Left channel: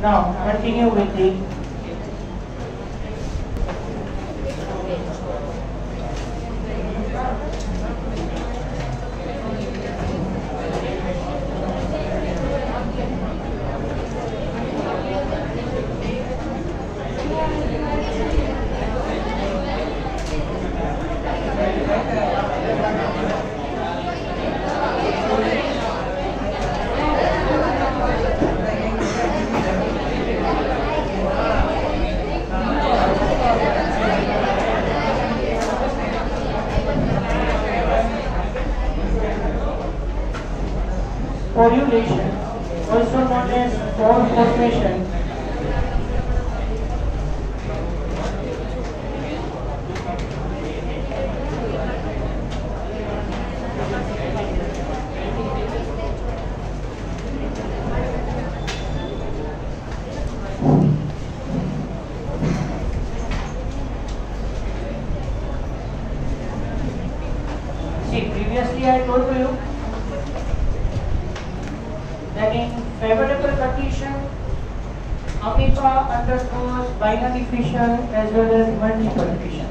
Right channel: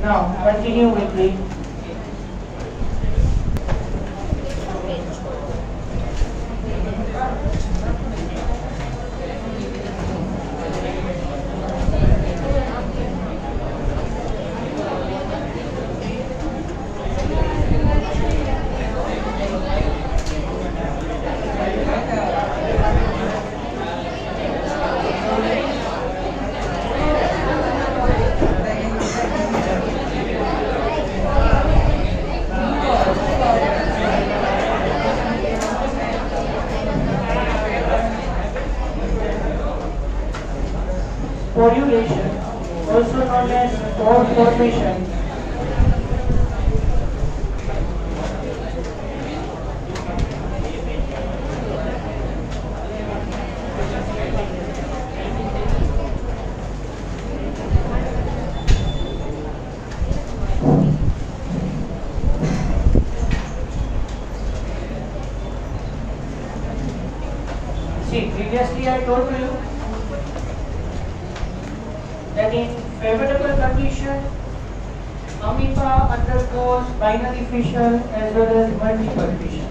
Now continue with the pollination, also known as spore formation. See, previously I told you that in favorable condition, amoeba undergoes binary fission as well as multiple fission.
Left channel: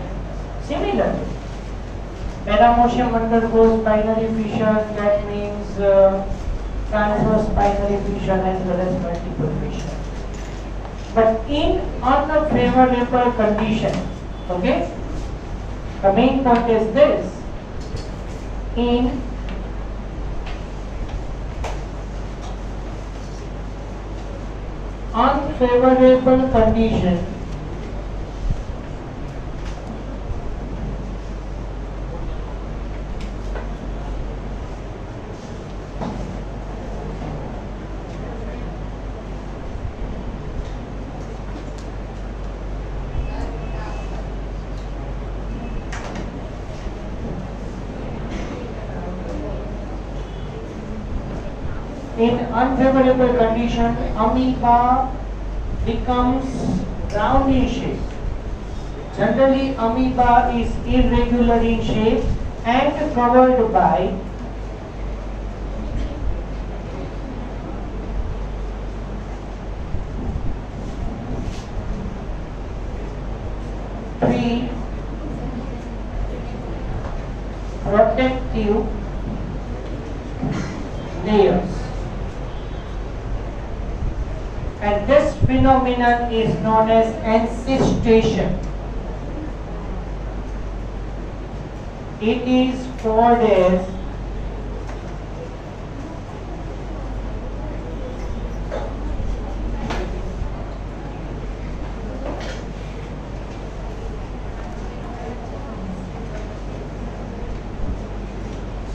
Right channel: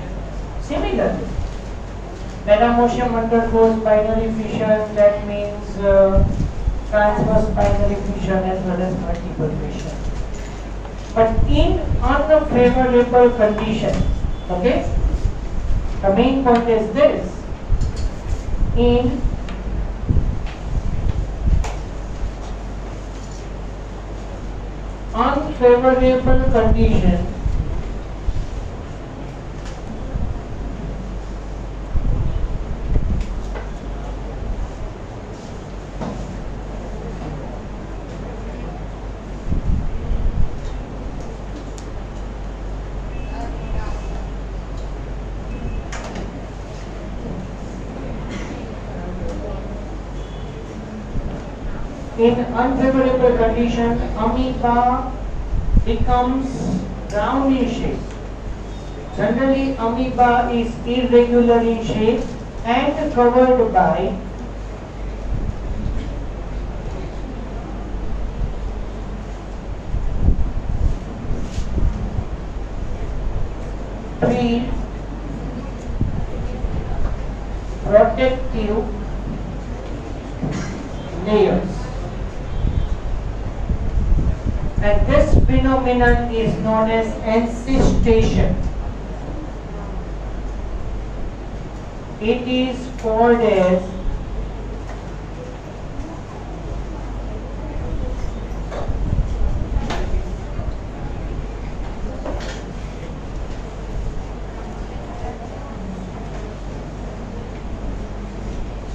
Similarly, Paramecium undergoes binary fission, that means transverse binary fission as well as multiple fission. But in unfavorable condition, okay, the main point is this: in unfavorable condition, amoeba becomes round in shape. Generally, amoeba is irregular in shape and covered by three protective layers. And this phenomenon is known as encystation. It is called as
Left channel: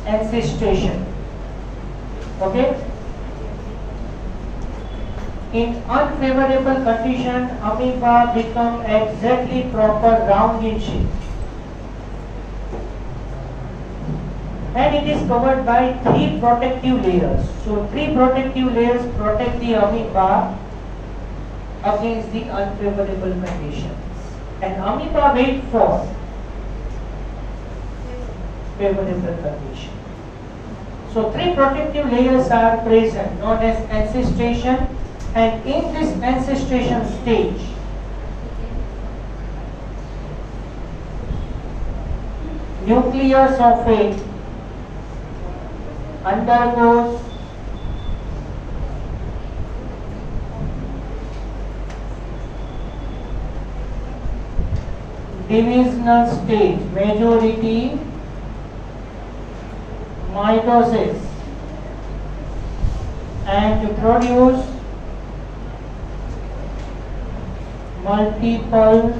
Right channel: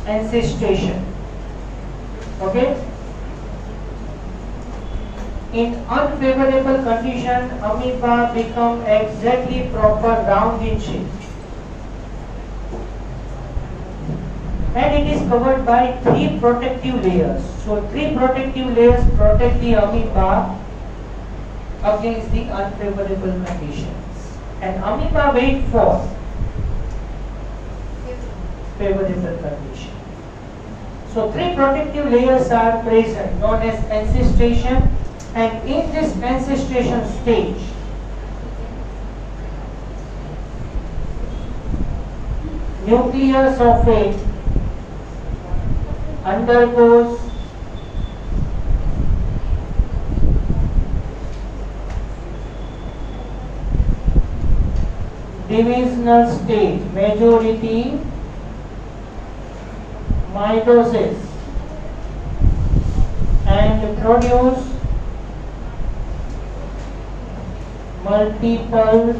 encystation. Okay? In unfavorable condition, amoeba become exactly proper round in shape. And it is covered by three protective layers. So three protective layers protect the amoeba against the unfavorable conditions. And amoeba wait for favorable condition. So three protective layers are present, known as encystation. And in this encystation stage, nucleus of it undergoes divisional stage, majority mitosis, and produce multiple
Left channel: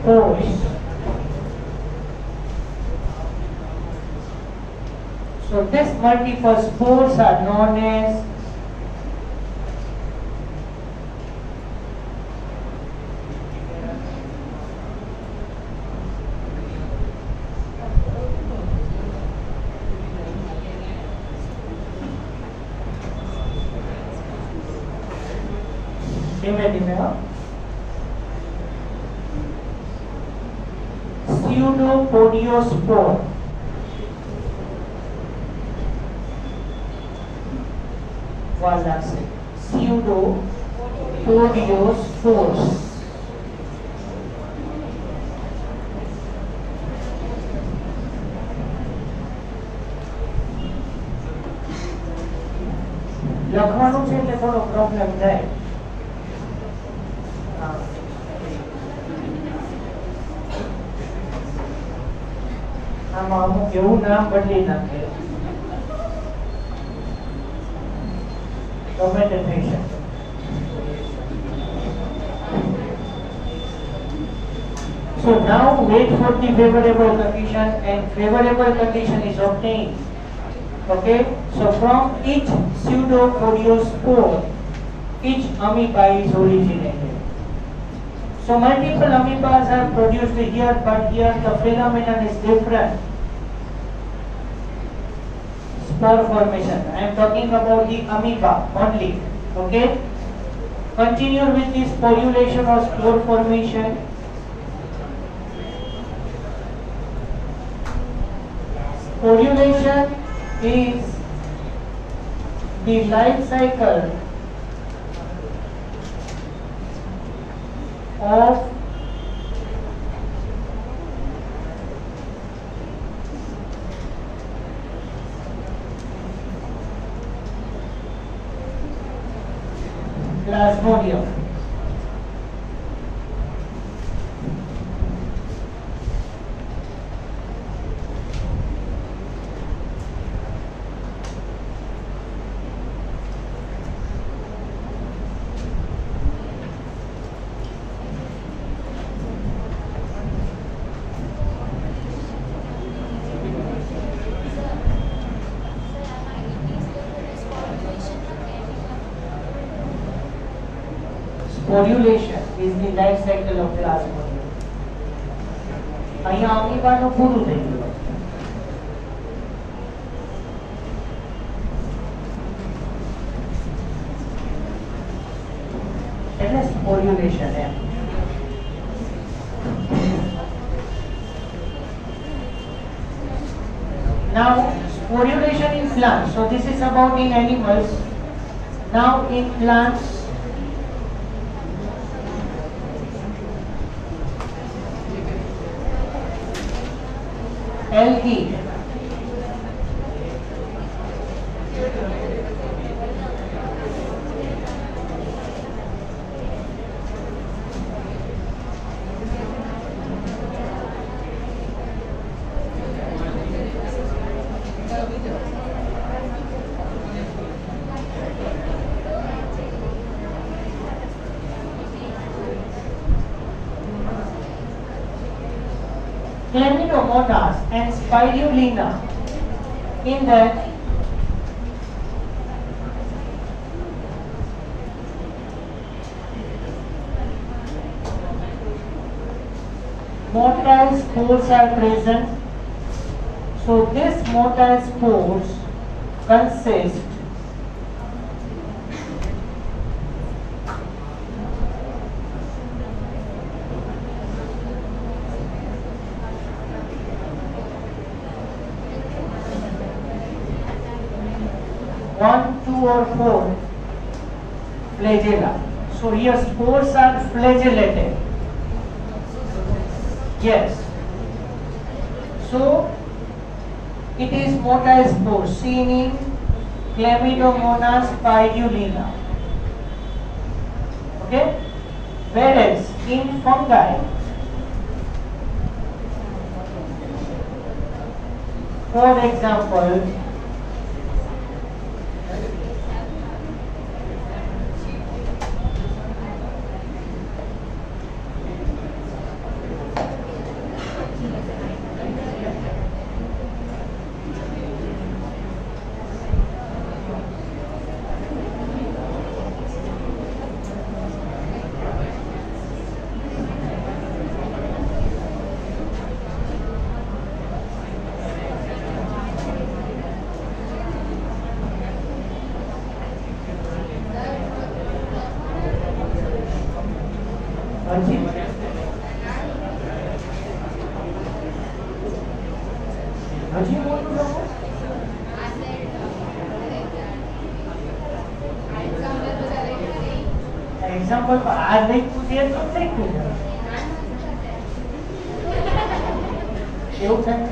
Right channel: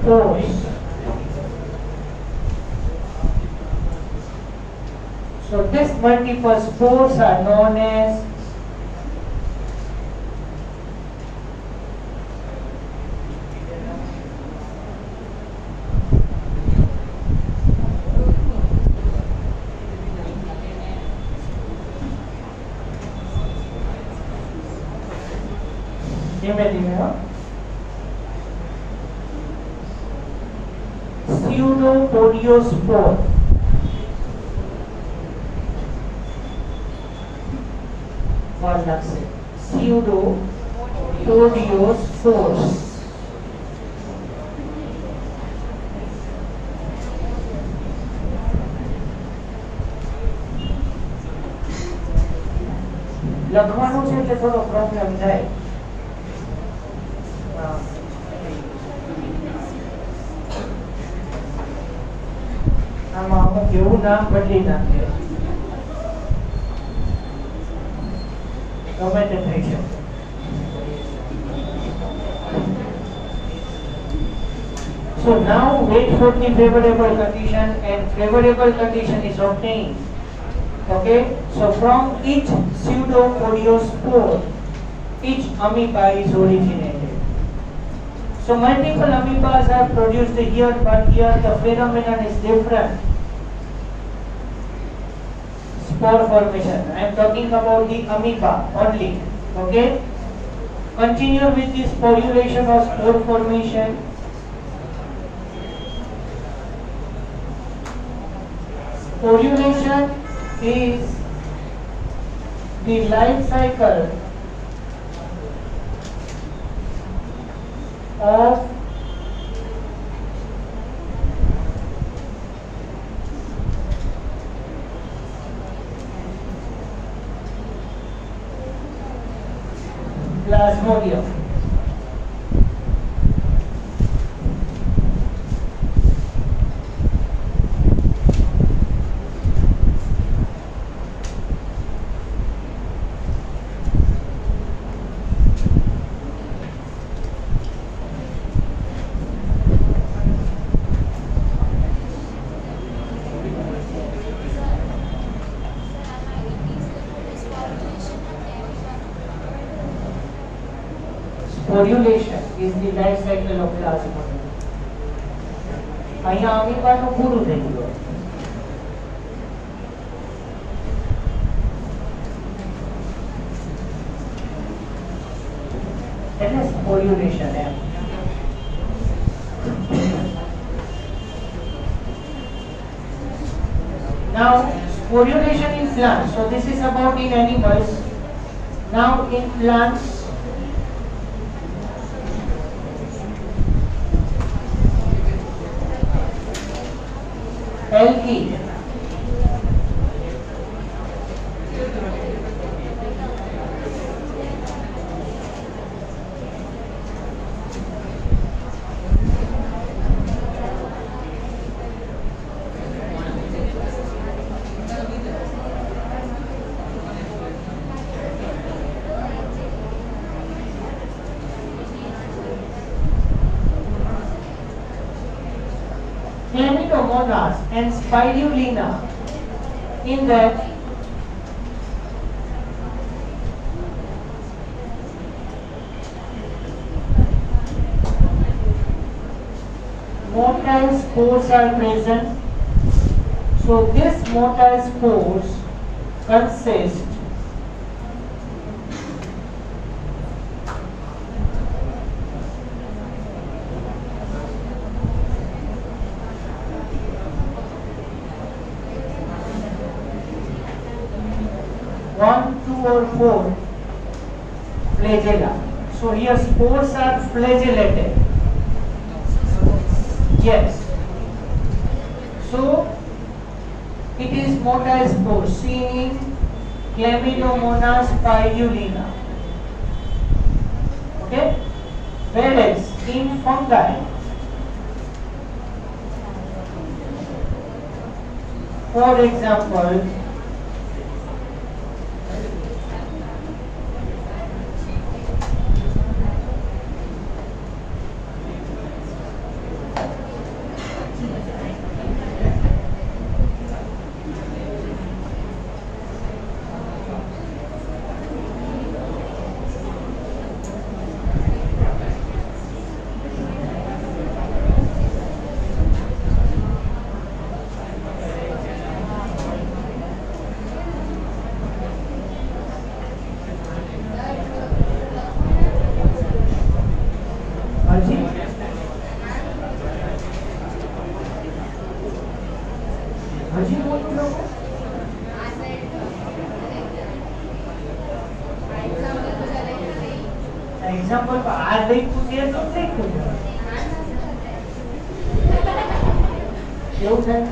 spores. So these multiple spores are known as pseudopodiospore. walnut seed. Pseudopodiospores. લખવાનું છે એટલે થોડો problem થાય. આમાં અમુક એવું નામ બદલી નાખે Fragmentation. So now wait for the favorable condition, and favorable condition is obtained. Okay, so from each pseudopodiospore, each amoeba is originated. So multiple amoebas are produced here, but here the phenomenon is different. Spore formation. I am talking about the amoeba only. Okay, continue with this sporulation or spore formation. Sporulation is the life cycle of Plasmodium. Sporulation is the life cycle of Plasmodium. અહીંયા અમીબાનું પૂરું થઈ ગયું. એટલે sporulation એમ. Now sporulation in plants. So this is about in animals. Now in plants, algae. Chlamydomonas and spirulina. In that motile spores are present. So this motile spores consist one, two, or four flagella. So here spores are flagellated. Yes. So it is motile spores seen in Chlamydomonas spirulina. Okay. Whereas in fungi, for example, example આ લઈ પૂછીએ તો નહીં પૂછે એવું થાય.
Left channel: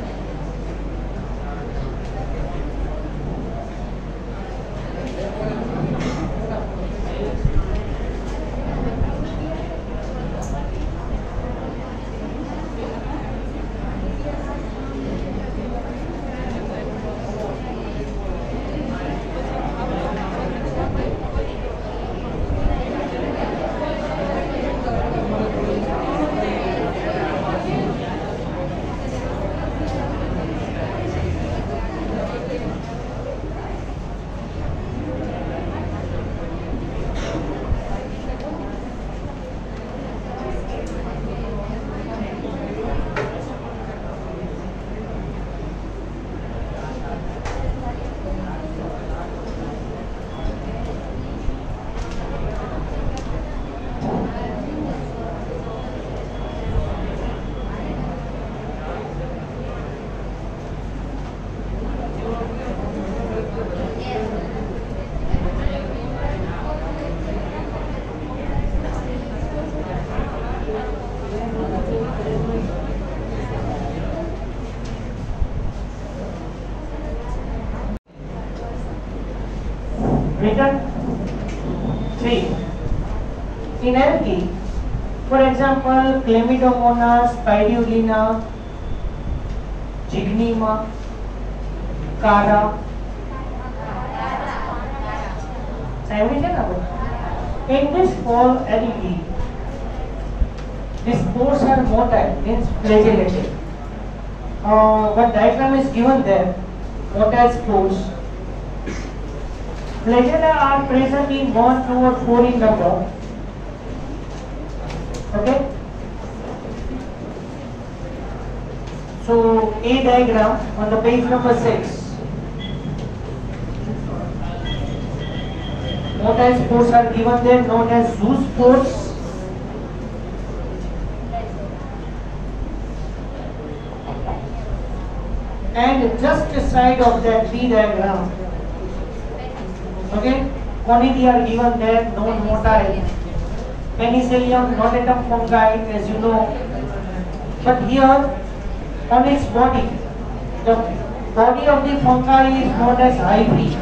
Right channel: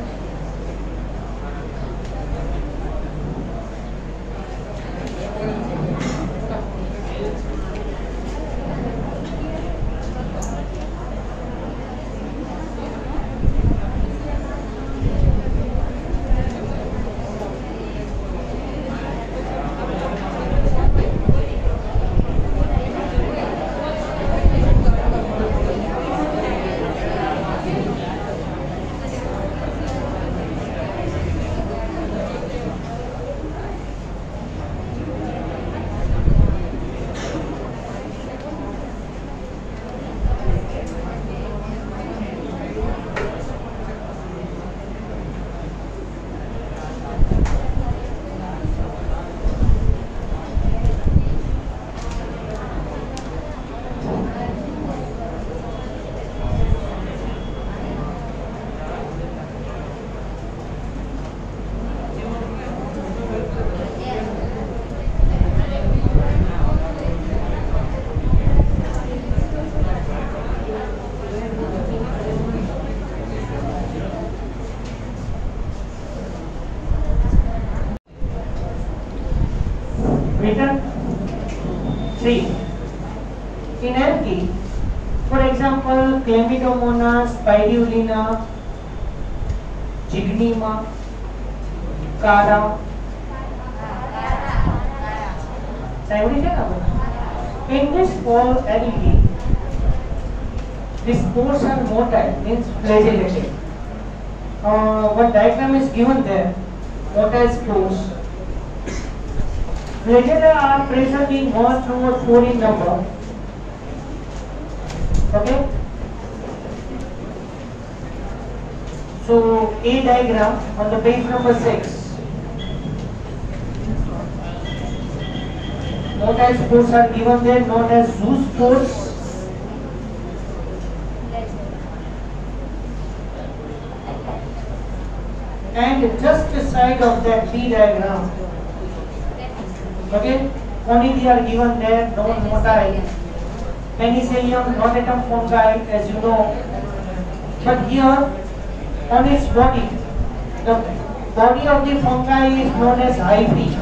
Written 3. In algae, for example, Chlamydomonas, Spirulina, Gygnema, Cara. In this fall algae, the spores are motile, means flagellated. What diagram is given there, motile spores. Flagella are present in 1, 2 or 4 in number. Okay. So A diagram on the page number 6. Motile spores are given there, known as zoospores. And just aside of that B diagram, okay, conidia are given there, non-motile. Penicillium, non-atom fungi, as you know. But here, on its body, the body of the fungi is known as hyphae.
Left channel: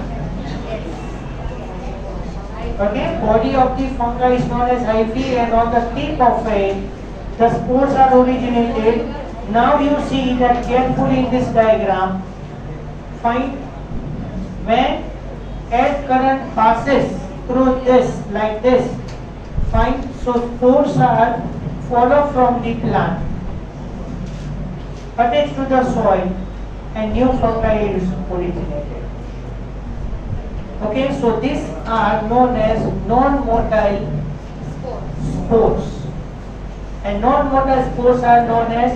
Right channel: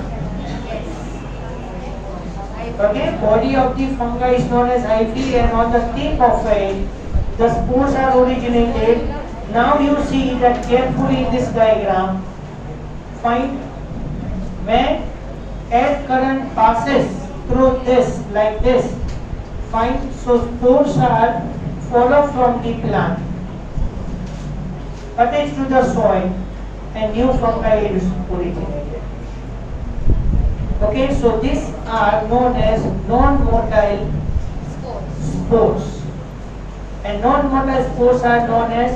Okay, body of the fungi is known as hyphae, and on the tip of it, the spores are originated. Now you see that carefully in this diagram. Find when air current passes through this like this. Fine. So spores are follow from the plant, attached to the soil, and new fungi is originated. Okay. So these are known as non-motile spores, and non-motile spores are known as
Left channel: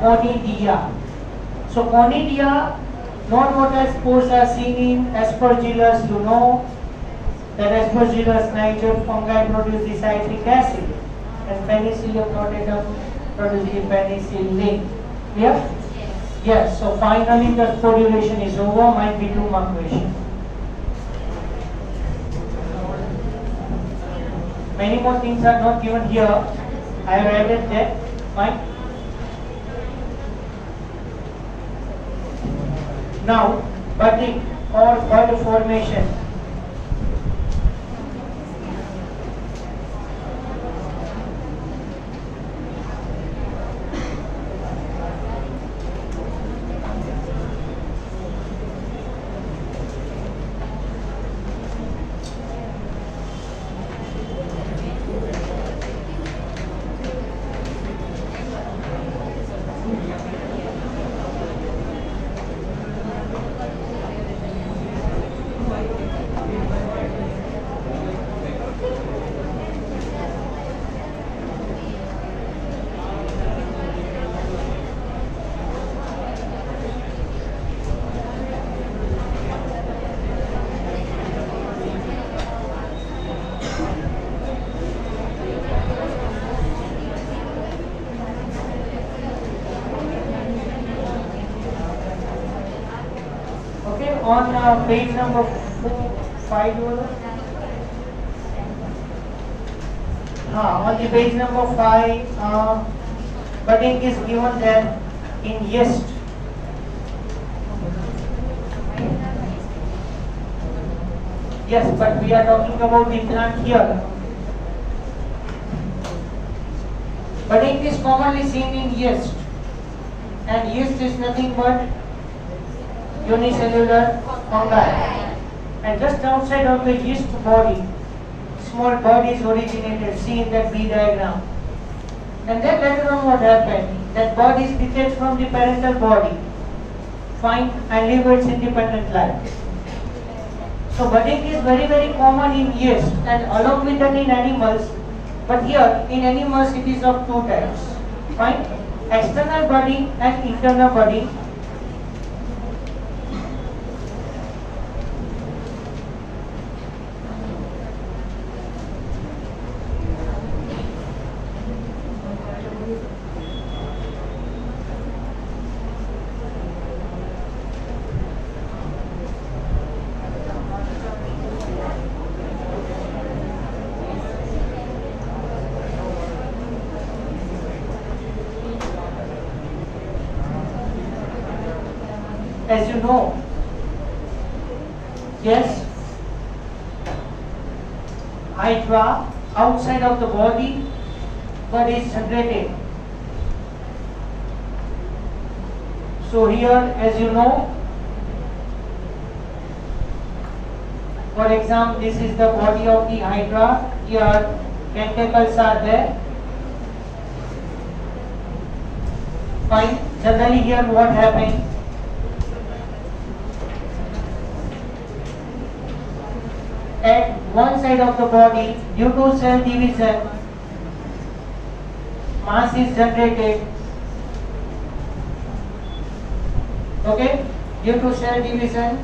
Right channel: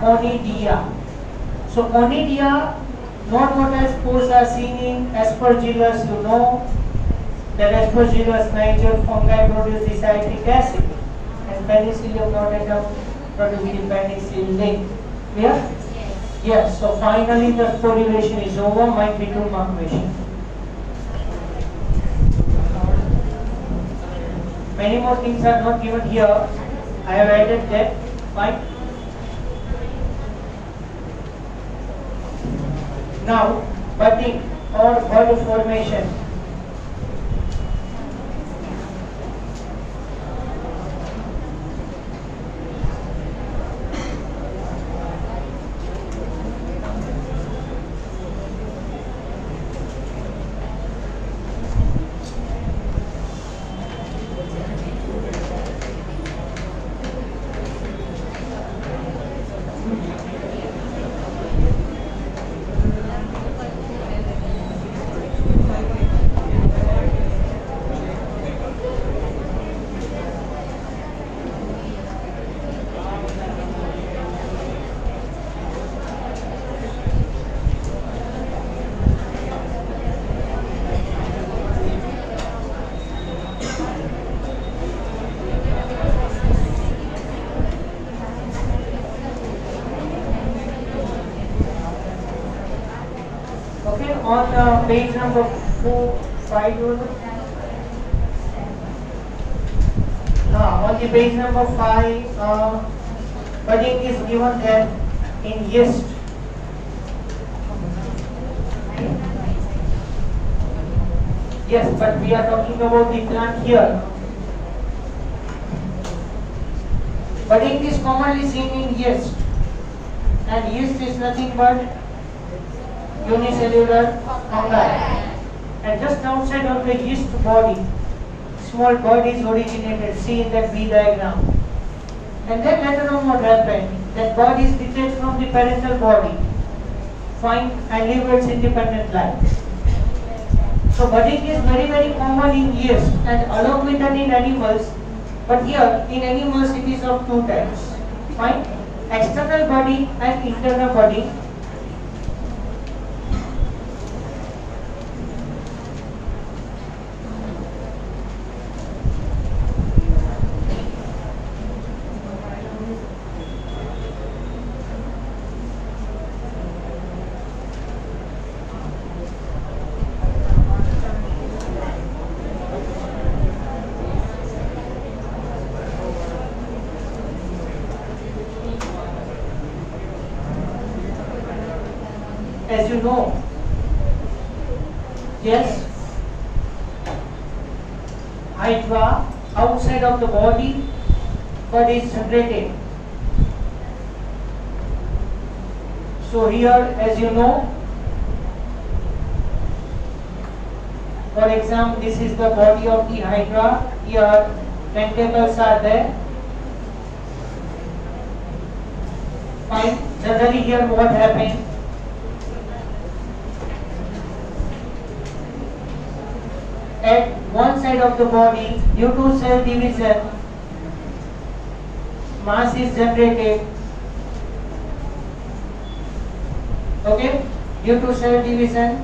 conidia. So conidia, non-motile spores are seen in Aspergillus. You know that Aspergillus niger fungi produce the citric acid, and Penicillium notatum produce the penicillin. Clear? Yes. So finally the correlation is over. Might be 2 mark question. Many more things are not given here. I have added that. Fine. Now, budding or bud formation. On page number 4, 5, On the page number 5, budding is given that in yeast. Yes, but we are talking about the plant here. Budding is commonly seen in yeast, and yeast is nothing but unicellular fungi. And just outside of the yeast body, small bud is originated. See in that B diagram. And then later on what happened? That bud is detached from the parental body, fine, and live its independent life. So budding is very, very common in yeast and along with that in animals. But here in animals it is of two types. Fine. External budding and internal budding. As you know, yes, hydra outside of the body, but is separated. So here, as you know, for example, this is the body of the hydra. Here, tentacles are there. Fine. Generally, here what happened? At one side of the body, due to cell division, mass is generated. Okay? Due to cell division,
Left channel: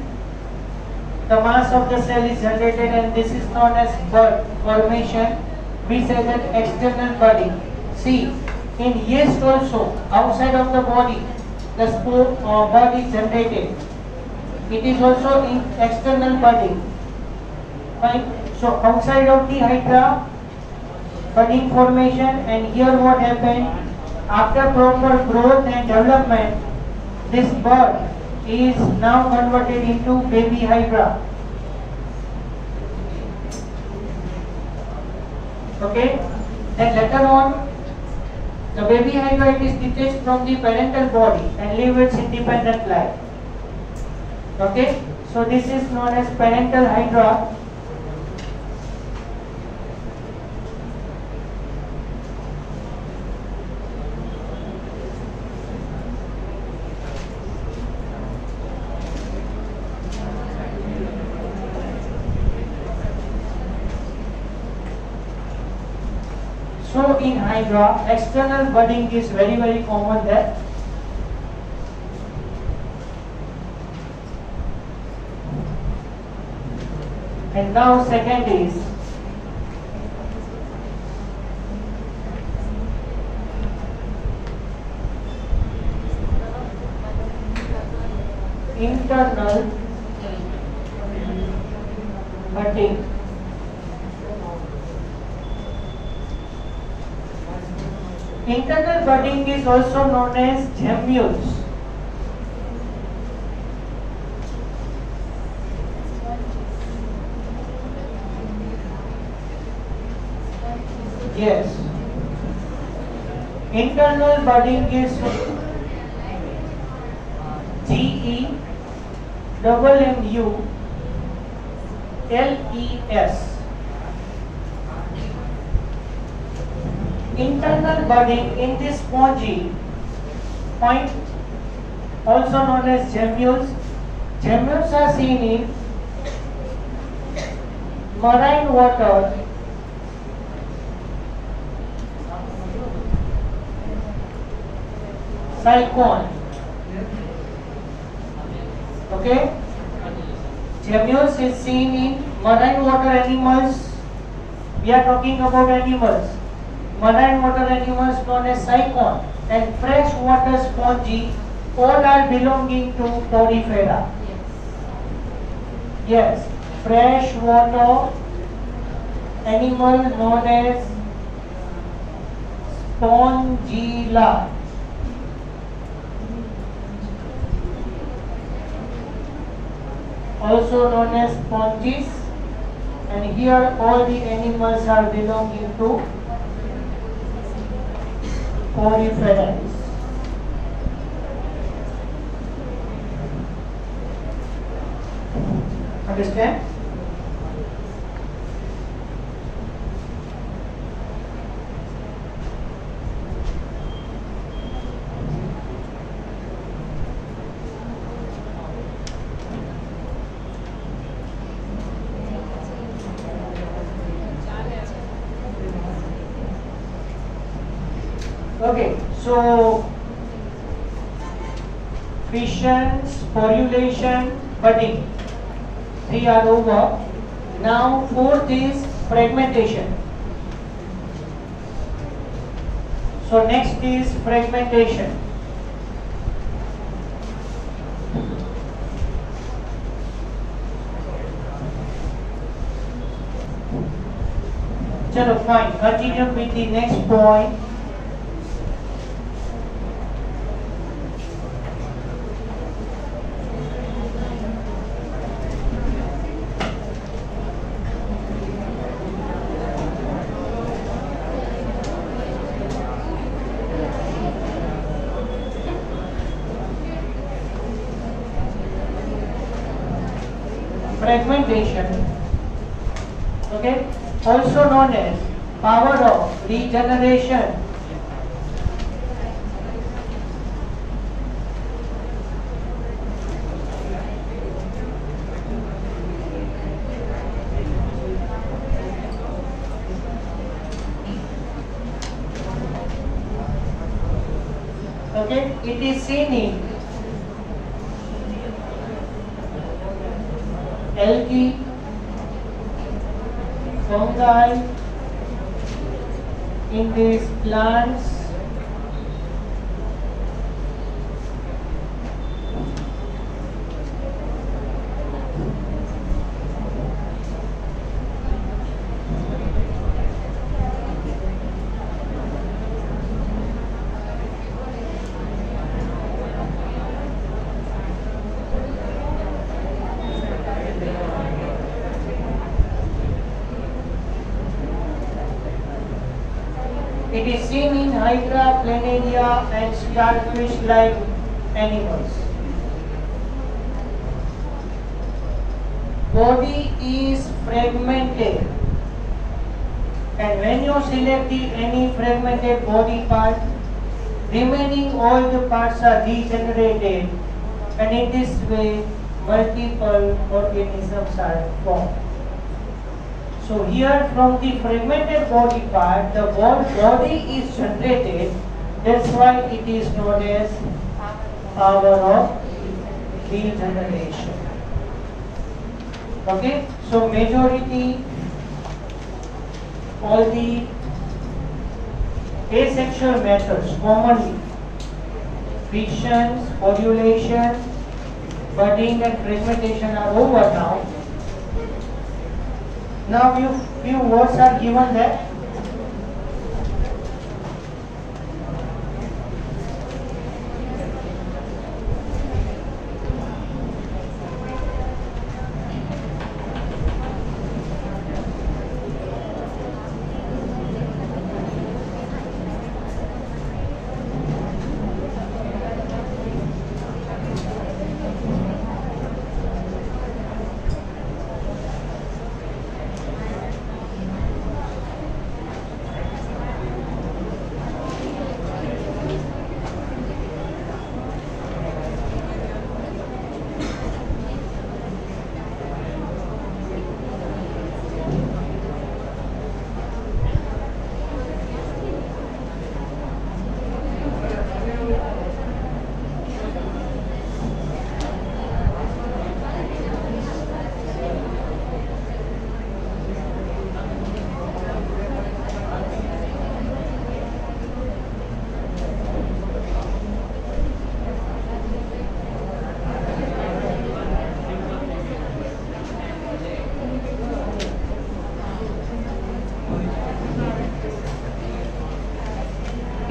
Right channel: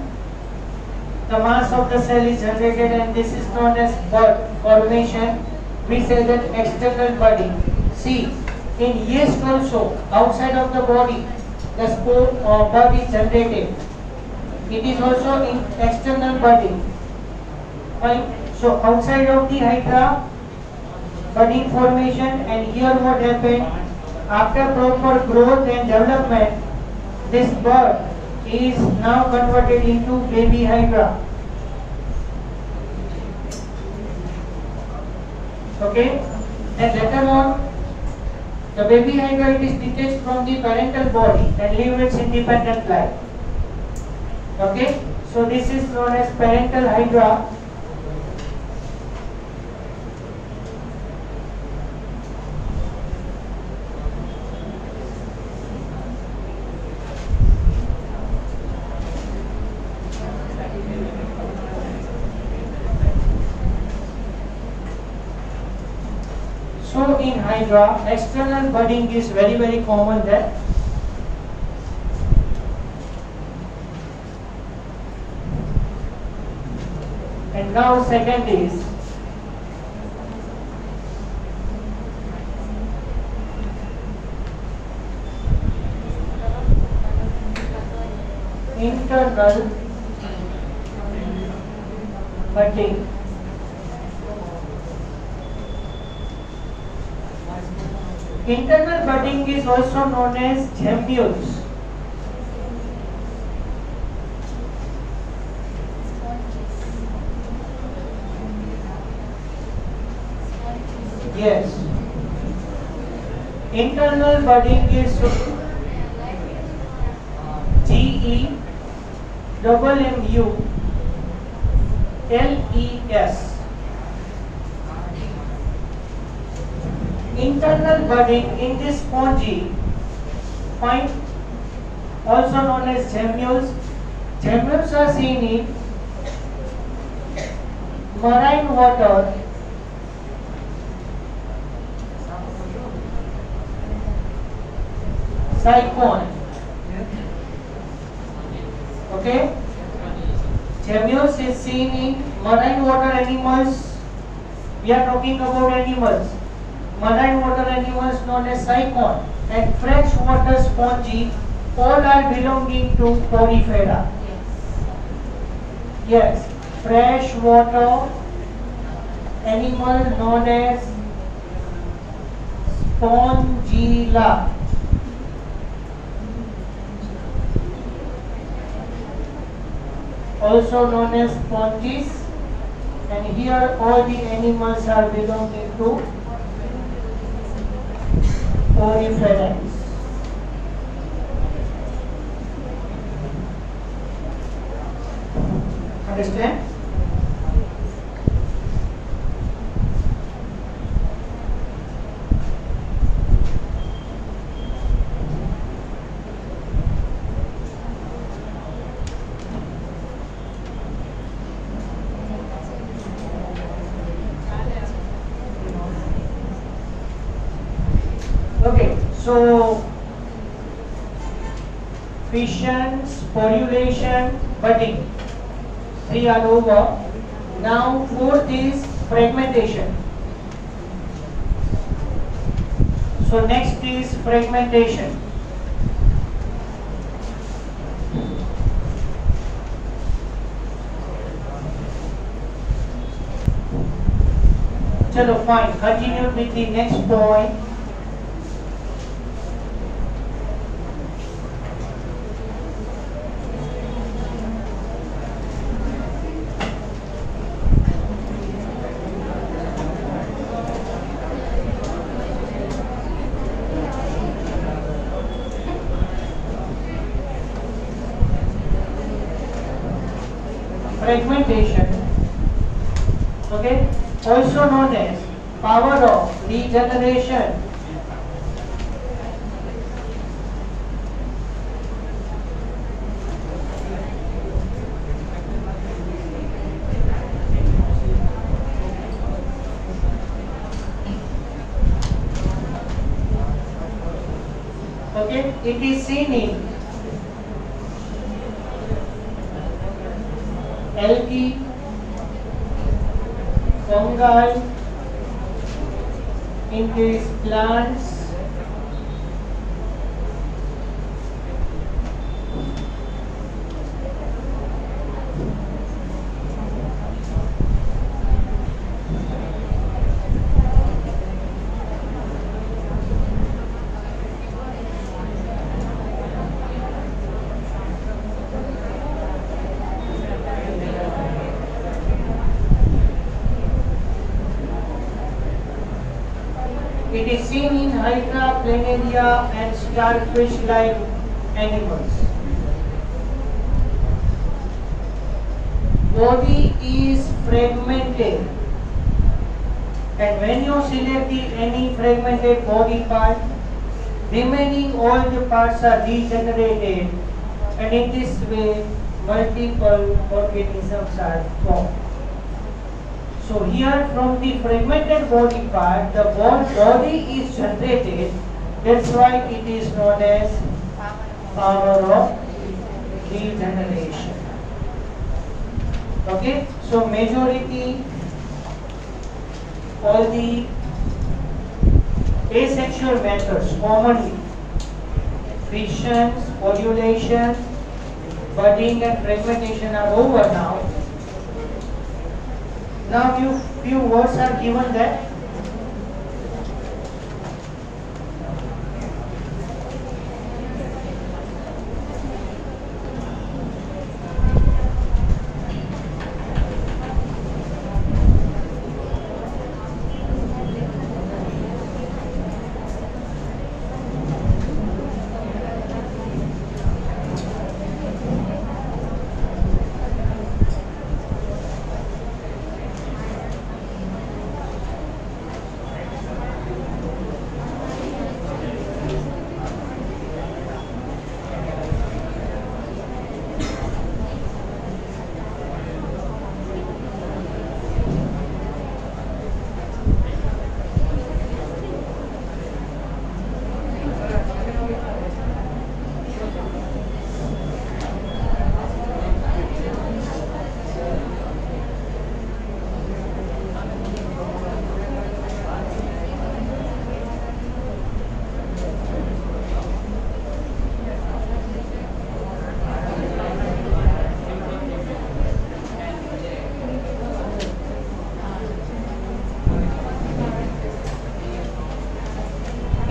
the mass of the cell is generated, and this is known as bud formation. We say that external budding. See, in yeast also, outside of the body, the spore or bud is generated. It is also in external budding. Fine. So outside of the hydra, budding formation, and here what happened? After proper growth and development, this bud is now converted into baby hydra. Okay? And later on, the baby hydra is detached from the parental body and live its independent life. Okay? So this is known as parental hydra. So in hydra, external budding is very, very common there. And now second is internal budding. Internal budding is also known as gemmules. Yes. Internal budding is GEMMULES. Internal budding in this spongy, fine, also known as gemmules. Gemmules are seen in marine water, silicone. Okay? Gemmules is seen in marine water animals. We are talking about animals. Marine water animals known as cycon and freshwater spongy, all are belonging to porifera. Yes, freshwater animal known as spongilla. Also known as sponges, and here all the animals are belonging to Poriferans. Understand? Okay, so fission, sporulation, budding, 3 are over. Now 4th is fragmentation. So next is fragmentation. Chalo, fine. Continue with the next point. Fragmentation, okay, also known as power of regeneration. Okay, it is seen in algae, fungi, in these plants, it is seen in hydra, planaria and starfish-like animals. Body is fragmented, and when you select any fragmented body part, remaining all the parts are regenerated, and in this way multiple organisms are formed. So here from the fragmented body part, the whole body is generated. That's why it is known as power of regeneration. Okay, so majority all the asexual methods commonly fission, sporulation, budding and fragmentation are over now. Now few words are given there.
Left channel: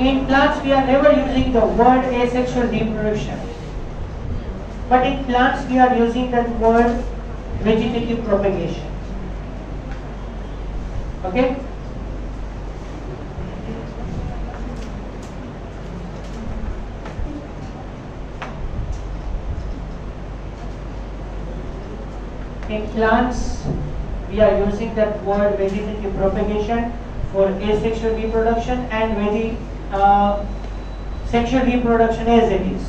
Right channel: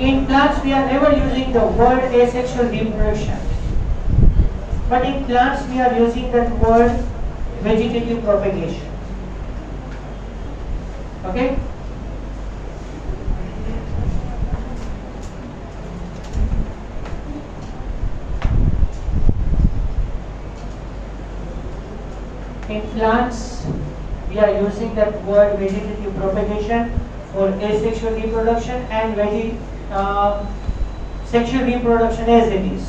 In plants, we are never using the word asexual reproduction. But in plants, we are using that word vegetative propagation. Okay? In plants, we are using that word vegetative propagation for asexual reproduction and sexual reproduction as it is.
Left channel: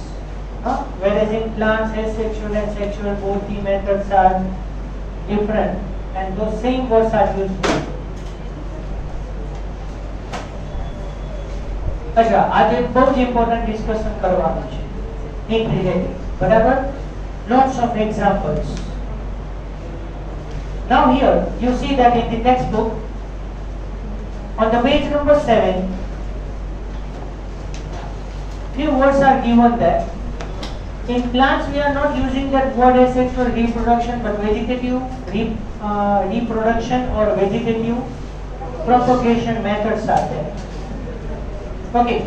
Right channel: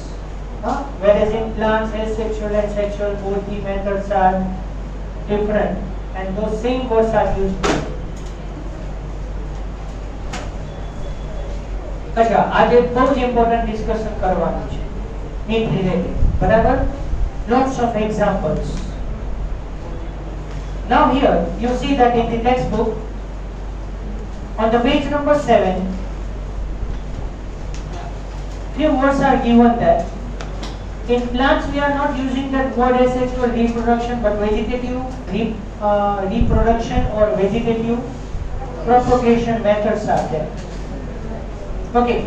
Whereas in plants, asexual and sexual, both the methods are different and those same words are used. अच्छा, आज एक बहुत important discussion करवाना है इन related, बराबर? Lots of examples. Now here you see that in the textbook on the page number 7 few words are given there. In plants we are not using that word asexual reproduction but vegetative reproduction or vegetative propagation methods are there. Okay.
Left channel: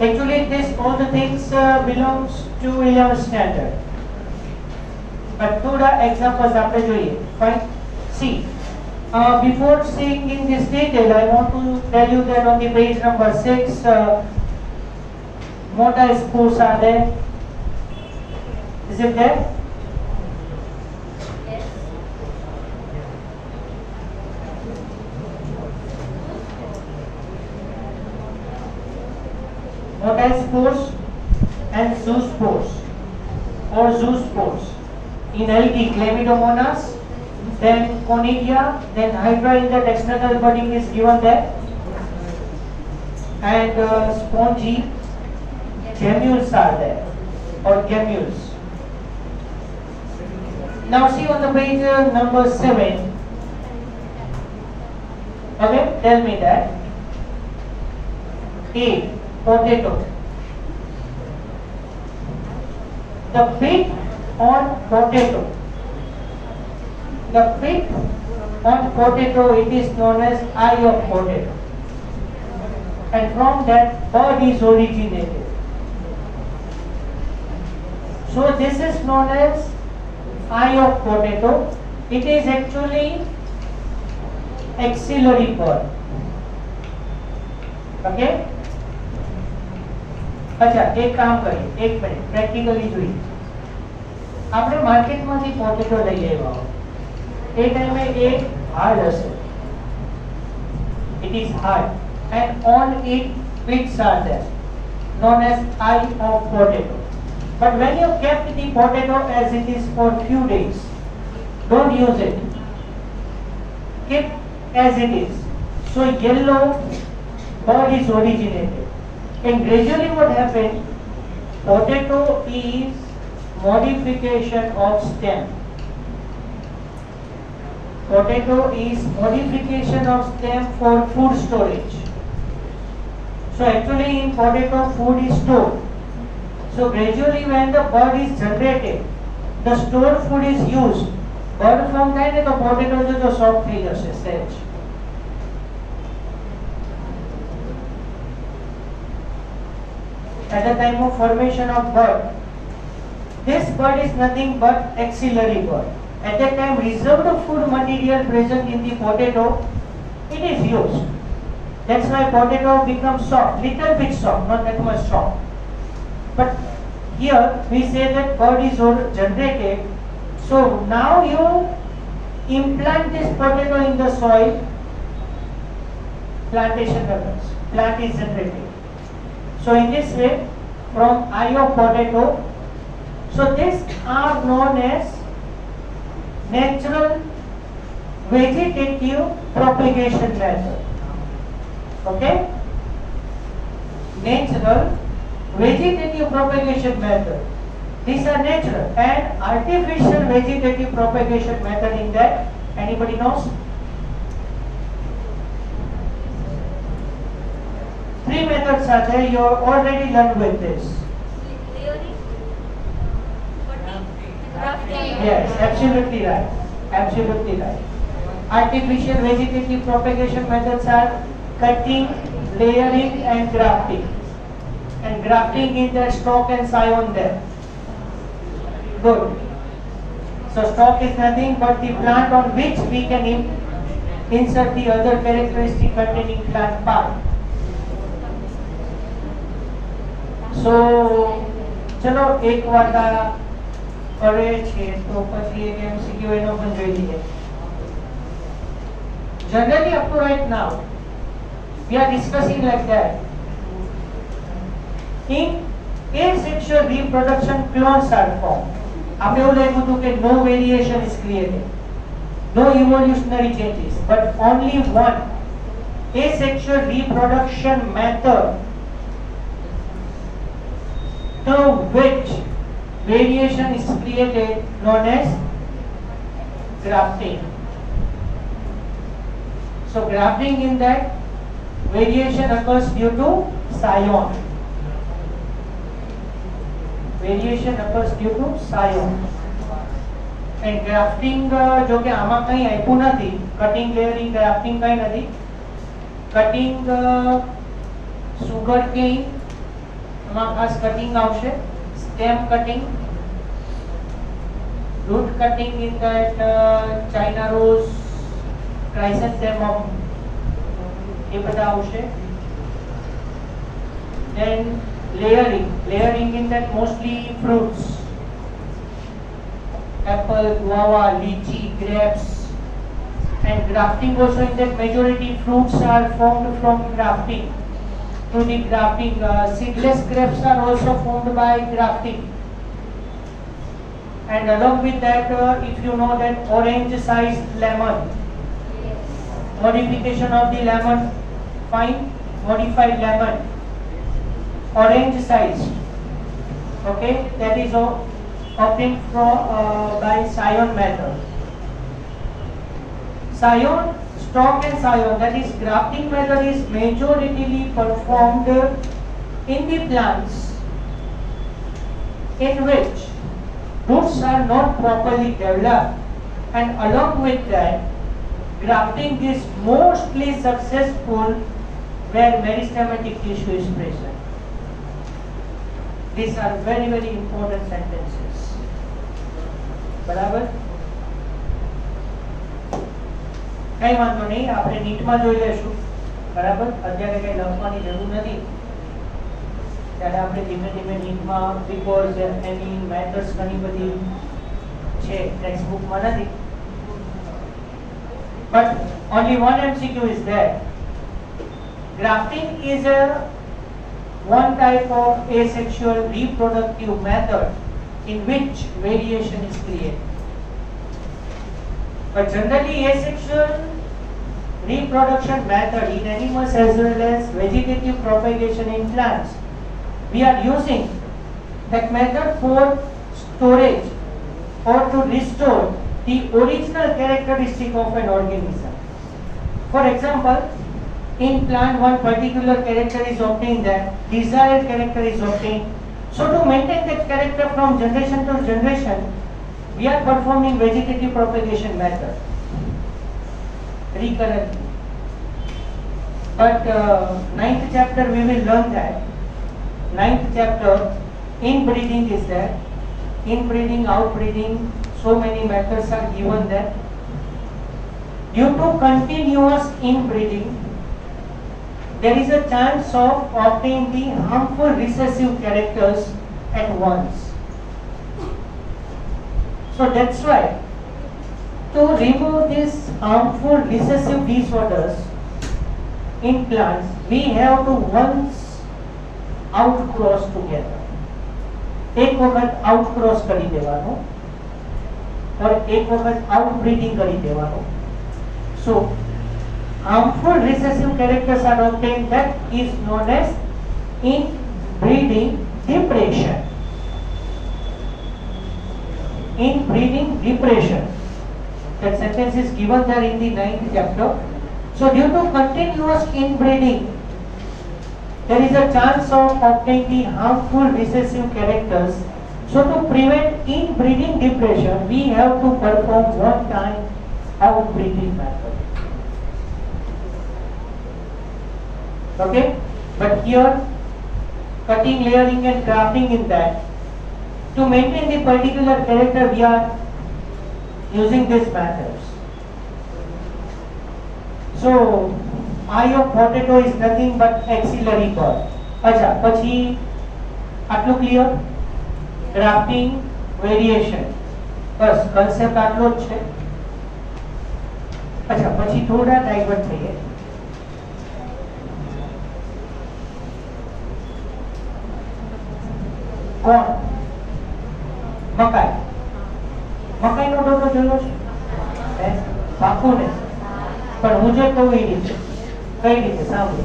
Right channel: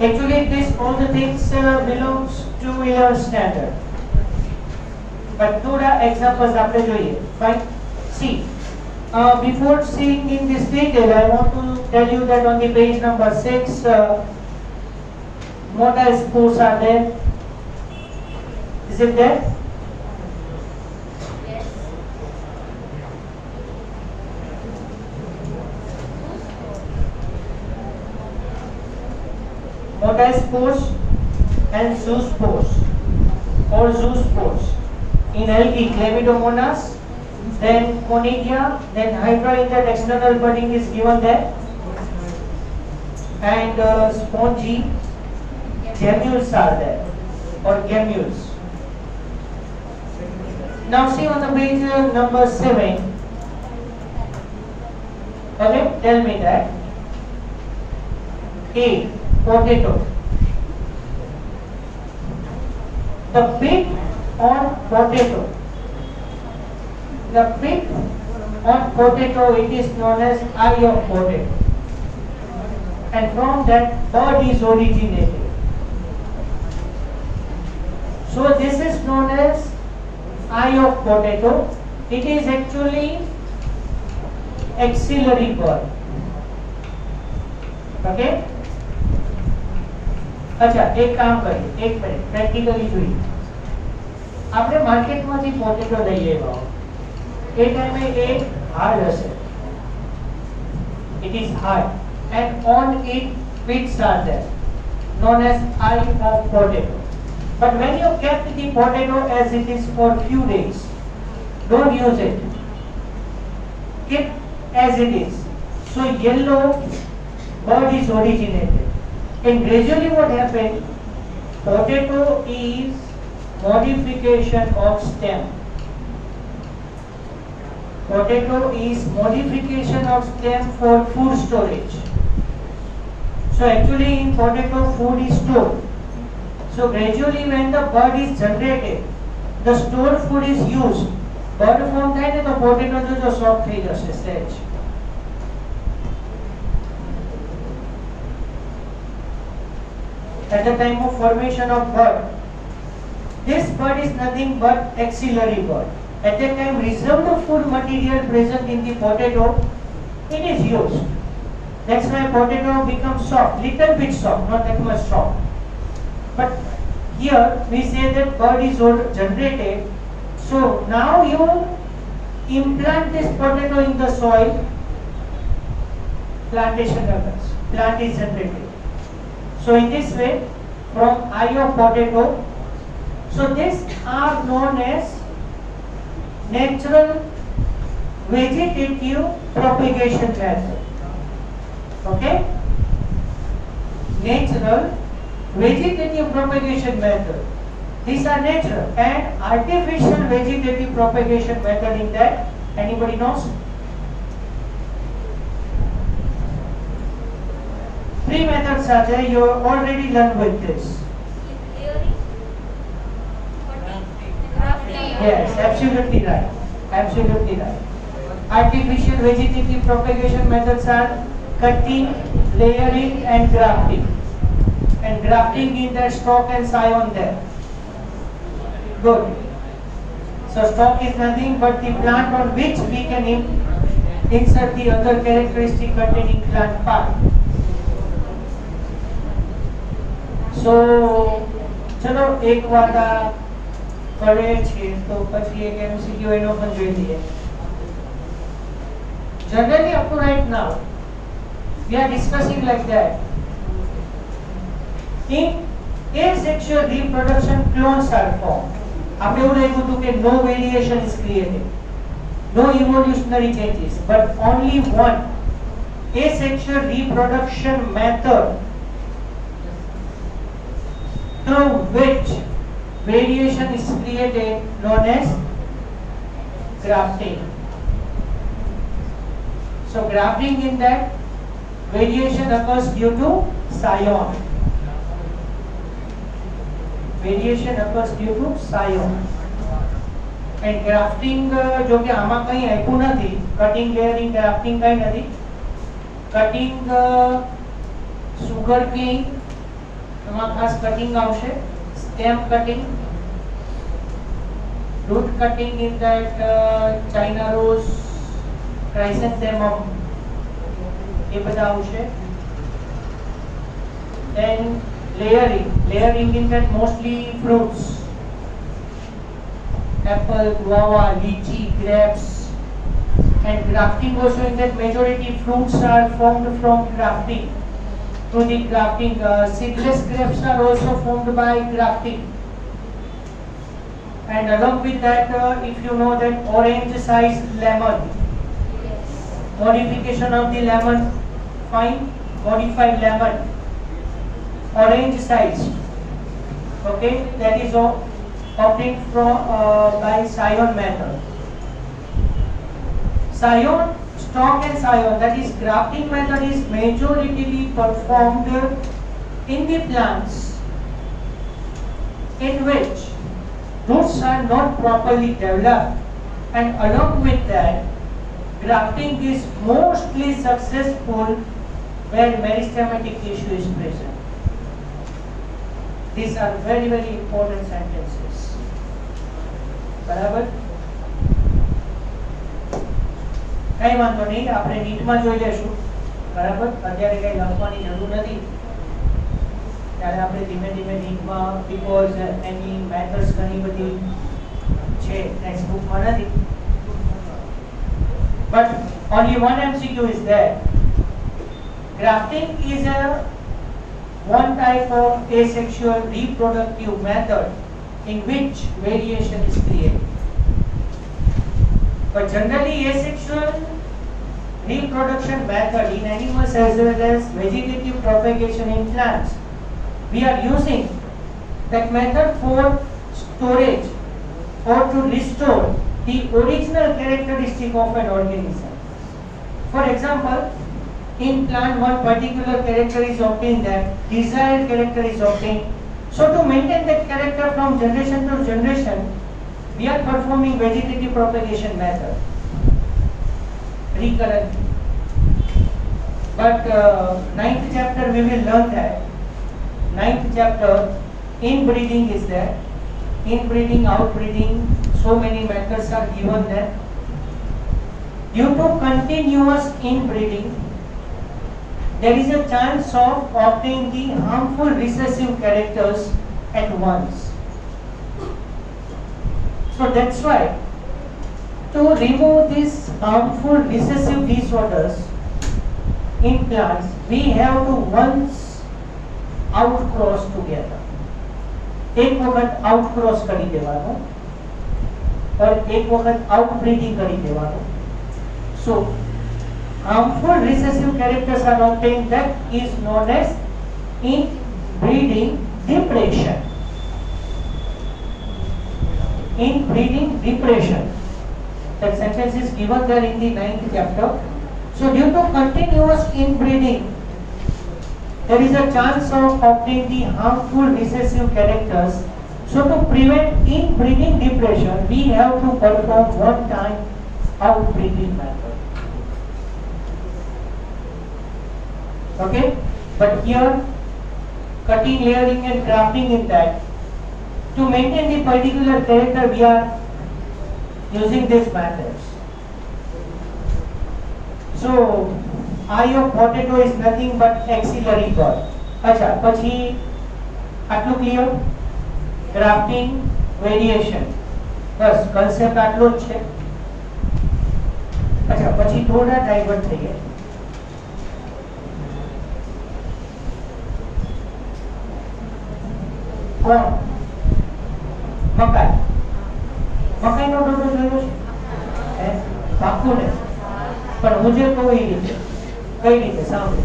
Actually this all the things belongs to 11th standard. But two examples after જોઈએ. Fine. See, before seeing in this detail, I want to tell you that on the page number 6, motor spores are there. Is it there? Yes. Motor spores and zoospores or zoospores. In algae, Chlamydomonas, then Conidia, then Hydra in that external budding is given there, and spongy gemmules are there, or gemmules. Now see on the page number 7, okay, tell me that A, potato. The pit on potato. The pit on potato, it is known as eye of potato. And from that bud is originated. So this is known as eye of potato. It is actually axillary bud. Okay? अच्छा, एक काम करिए, एक minute, practically જોઈએ. આપણે માર્કેટમાંથી potato લઈ આવ્યા એ ટાઈમે એ હાર્ડ હશે. It is hard and on it pits are there known as eye of potato. But when you kept the potato as it is for few days, don't use it. Keep as it is. So yellow bud is originated. And gradually what happened? Potato is modification of stem. Potato is modification of stem for food storage. So actually in potato food is stored. So gradually when the bud is generated, the stored food is used. Bud form થાય ને તો potato જો soft થઈ જશે સહેજ. At the time of formation of bud, this bud is nothing but axillary bud. At that time, reserved food material present in the potato, it is used. That's why potato becomes soft, little bit soft, not that much soft. But here we say that bud is generated. So now you implant this potato in the soil, plantation occurs, plant is generated. So in this way, from eye of potato, so these are known as natural vegetative propagation method. Okay? Natural vegetative propagation method. These are natural and artificial vegetative propagation method in that. Anybody knows? 3 methods are there. You have already learned with this. Yes, absolutely right. Absolutely right. Artificial vegetative propagation methods are cutting, layering and grafting. And grafting in that stalk and scion there. Good. So stalk is nothing but the plant on which we can insert the other characteristic containing plant part. So चलो एक बात करे છે તો પછી એક MCQ એનો પણ જોઈ લઈએ. Generally up to right now we are discussing like that. In asexual reproduction clones are formed. આપણે એવું લખ્યું હતું કે no variation is created, no evolutionary changes, but only one asexual reproduction method through which variation is created, known as grafting. So grafting, in that variation occurs due to scion. Variation occurs due to scion. And grafting जो कि आमा कहीं आयु नहीं, cutting, layering, grafting कहीं नहीं. Cutting sugar cane, आमा खास cutting आवश्यक, stem cutting, root cutting in that China rose, chrysanthemum, ये बता आवश्यक. Then layering in that mostly fruits. Apple, guava, lychee, grapes, and grafting also in that majority fruits are formed from grafting. Through the grafting, seedless grapes are also formed by grafting. And along with that, if you know that orange-sized lemon, modification of the lemon, fine, modified lemon, orange-sized, okay, that is all. Obtained from by scion method. Scion, stalk and scion, that is grafting method, is majorly performed in the plants in which roots are not properly developed, and along with that, grafting is mostly successful where meristematic tissue is present. These are very, very important sentences. બરાબર, કઈ વાંધો નહીં, આપણે નીટમાં જોઈ લેશું. બરાબર, અત્યારે કઈ લખવાની જરૂર નથી, ત્યારે આપણે ધીમે ધીમે નીટમાં, બીકોઝ એની મેથડ્સ ઘણી બધી છે, ટેક્સ્ટ બુકમાં નથી. But only one MCQ is there. Grafting is one type of asexual reproductive method in which variation is created. But generally asexual reproduction method in animals as well as vegetative propagation in plants, we are using that method for storage or to restore the original characteristic of an organism. For example, in plant one particular character is obtained, that desired character is obtained. So to maintain that character from generation to generation, we are performing vegetative propagation method recurrently. But 9th chapter we will learn that. 9th chapter, inbreeding is there. Inbreeding, outbreeding, so many methods are given there. Due to continuous inbreeding, there is a chance of obtaining the harmful recessive characters at once. So that's why, to remove these harmful recessive disorders in plants, we have to once outcross together. एक वक्त outcross करी देवानो और एक वक्त outbreeding करी देवानो. So harmful recessive characters are obtained, that is known as inbreeding depression. Inbreeding depression. That sentence is given there in the 9th chapter. So due to continuous inbreeding, there is a chance of obtaining the harmful recessive characters. So to prevent inbreeding depression, we have to perform one time outbreeding method. Okay, but here cutting, layering and grafting in that. To maintain the particular character we are using these methods. So eye of potato is nothing but axillary bud. अच्छा, પછી આટલું clear? Grafting, variation, બસ concept આટલો જ છે. अच्छा, પછી થોડા divert થઈએ. કોણ? મકાઈ. મકાઈનો ડોડો જોયો છે? પાકું ને? પણ હું જે કહું એ રીતે. કઈ રીતે સાંભળો.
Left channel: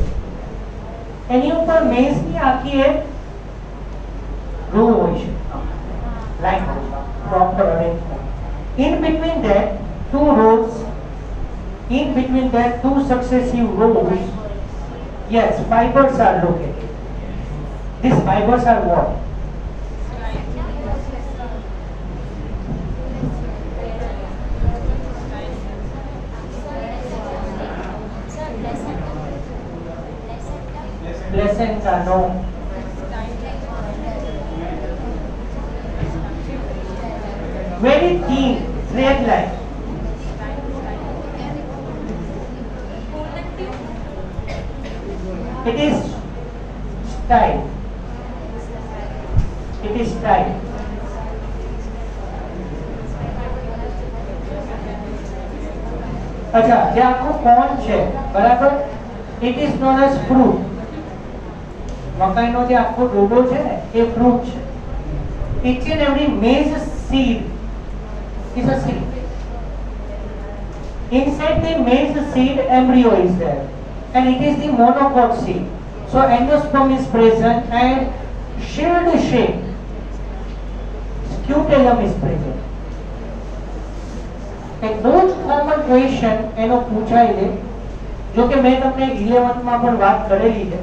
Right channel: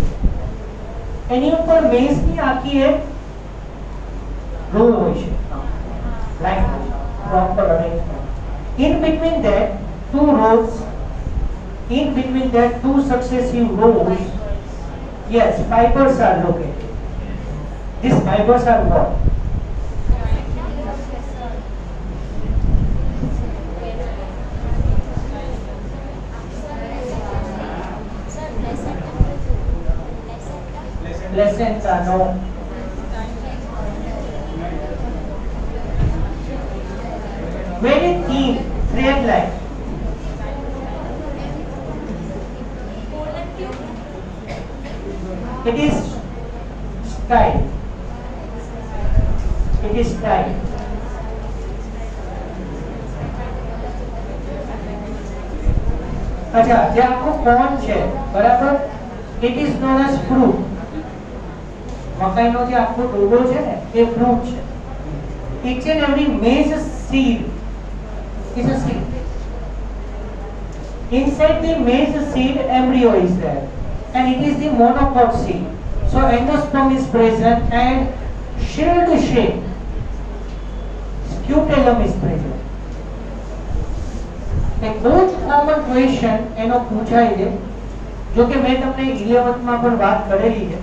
એની ઉપર મેઝની આખી એક રો હોય છે, line proper arrangement. In between that two successive rows, yes, fibers are located. These fibers are what? Placenta, no. Very thin thread like. It is style. It is style. अच्छा, જે આખું કોન છે, બરાબર? It is known as fruit. મકાઈનો જે આખો ડોડો છે ને, એ fruit છે. Each and every maize seed is a seed. Inside the maize seed, embryo is there, and it is the monocot seed. So endosperm is present and shield shape. Scutellum is present. एक बहुत common question એનો પૂછાય છે, જો કે મેં તમને 11th માં પણ વાત કરેલી છે.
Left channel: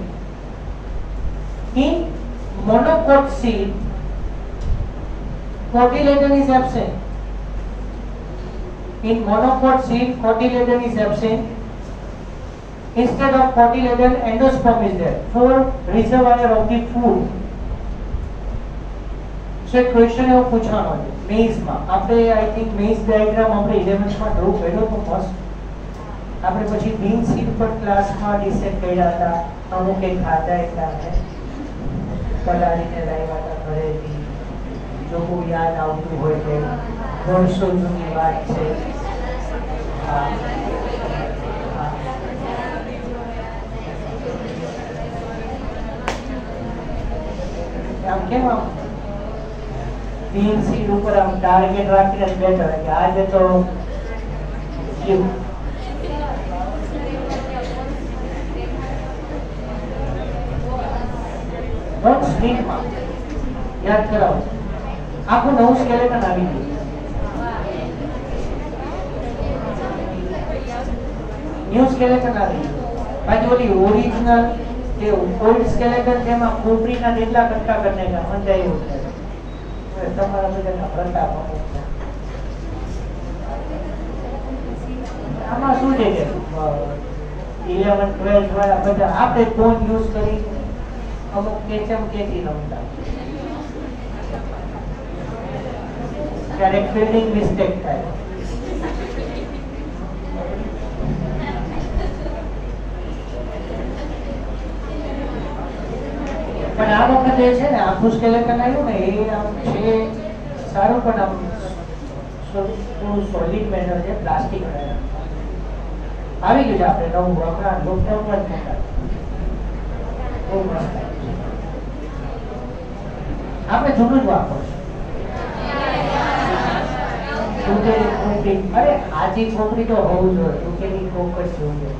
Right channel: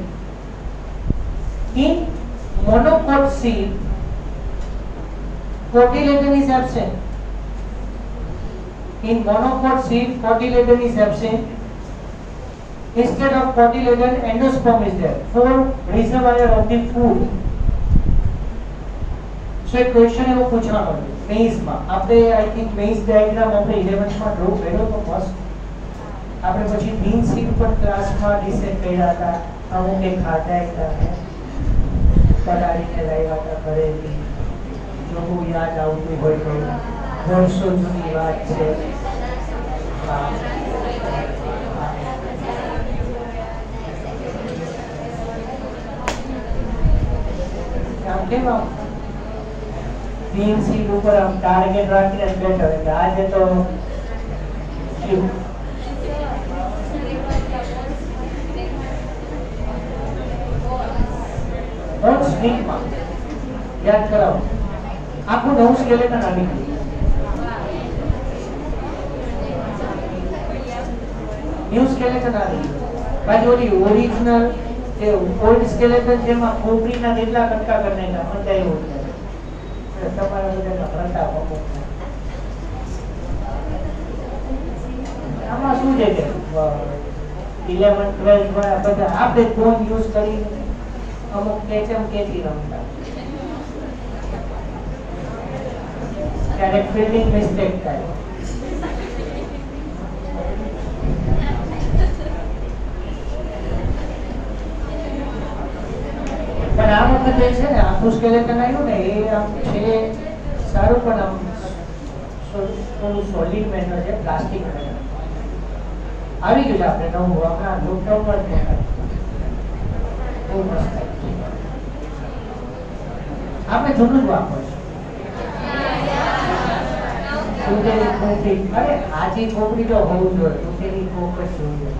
In monocot seed, cotyledon is absent. In monocot seed, cotyledon is absent. Instead of cotyledon, endosperm is there for reservoir of the food. So a question એવો પૂછવાનો છે મેઇઝમાં. આપણે આઈ થિંક મેઇઝ ડાયાગ્રામ આપણે 11th માં ડ્રો કર્યો તો મસ્ત. આપણે પછી બીન સીડ પર ક્લાસમાં ડિસાઇડ કર્યા હતા. અમુક એક ખાતા હતા પલાળીને લાવ્યા હતા ઘરેથી. જો બહુ યાદ આવતું હોય તો વર્ષો જૂની વાત છે. આમ કેમ આમ બીન સીડ ઉપર આમ ટાર્ગેટ રાખીને જ બેઠો કે આજે તો યાદ કરાવો. આખું નવું સ્કેલેટન આવી ગયું. ન્યુ સ્કેલેટન આવી ગયું. બાકી ઓલી ઓરિજિનલ કે ઓલ્ડ સ્કેલેટન જેમાં ખોપરીના કેટલા કટકા કરીને મંડાયું છે તમારા બધા ભરતા પગો. આમાં શું છે કે 11 12 વાળા બધા આપણે ફોન યુઝ કરી અમુક કેચમ કેચી રમતા. ક્યારેક ફિલ્ડિંગ મિસ્ટેક થાય. પણ આ વખતે છે ને આખું સ્કેલેટન આવ્યું ને એ આમ છે સારું, પણ આમ થોડું સોલિડ મેટર છે, પ્લાસ્ટિક આવી ગયું છે. આપણે નવું હમણાં લોકડાઉન જ બહુ મસ્ત. આપણે જૂનું જ વાપરશું. તૂટેલી ખોપરી, અરે આજી ખોપરી તો હોવું જોઈએ, તૂટેલી ખોપ જ જોઈએ.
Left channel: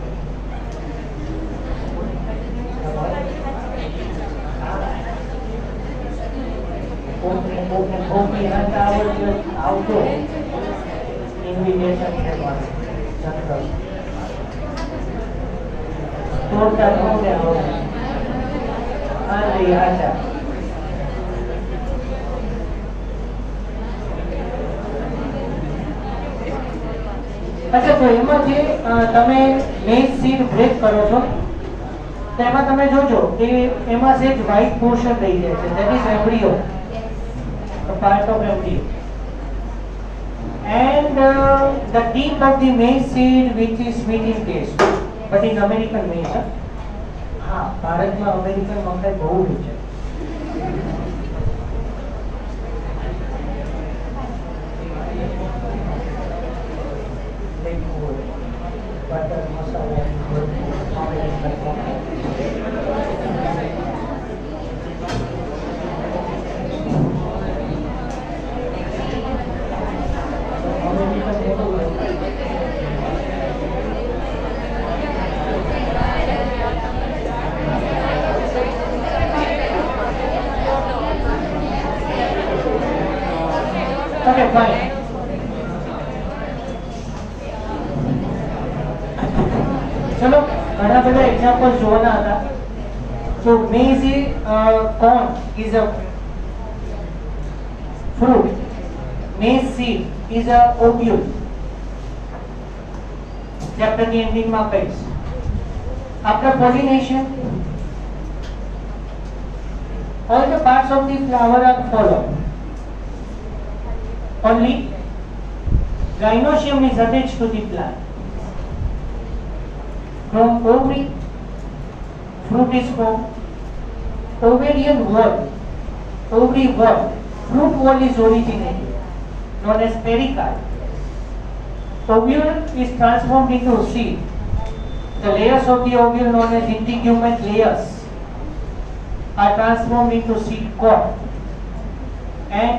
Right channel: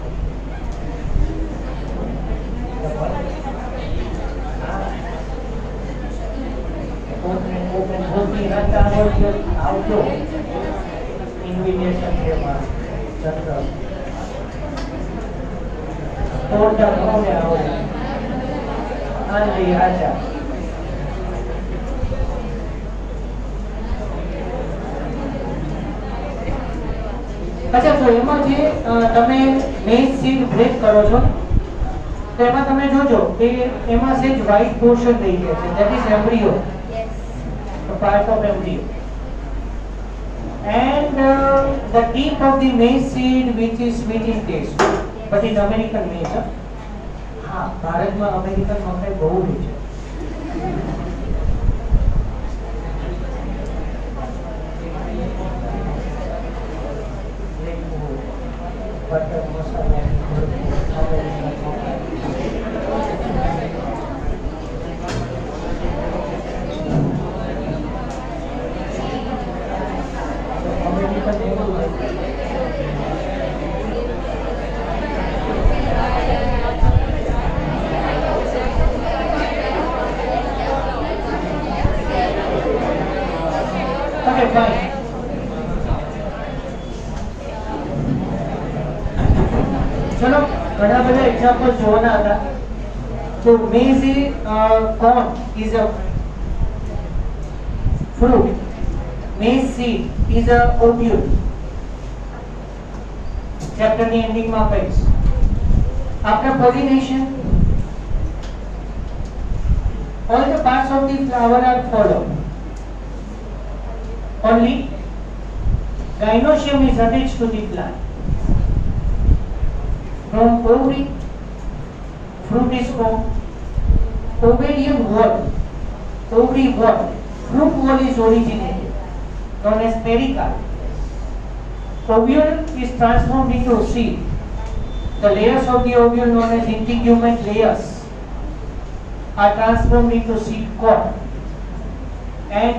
ખોપરી નાખતા આવતો ઇન્વિટેશન છે મારું. તોડતા કોને આવડે? હાજી આજા. અચ્છા, તો એમાં જે તમે મેઇન સીડ બ્રેક કરો છો તો એમાં તમે જોજો કે એમાં સેજ white portion રહી ગયા છે, that is embryo, the part of embryo. And the tip of the maize seed which is sweet in taste, but in American maize. हाँ, भारत में अमेरिकन मकाई बहुत ही है. Butter masala, American makaई. Okay, fine. चलो घना બધા एग्जांपल જોવાના હતા. So maize corn is a fruit. Maize seed is a ovule. Chapter ની ending માં કહીશ. After pollination, all the parts of the flower are followed. Only gynoecium is attached to the plant. From ovary, fruit is formed. Ovarian wall, ovary wall, fruit wall is originated, known as pericarp. Ovule is transformed into seed. The layers of the ovule, known as integument layers, are transformed into seed coat, and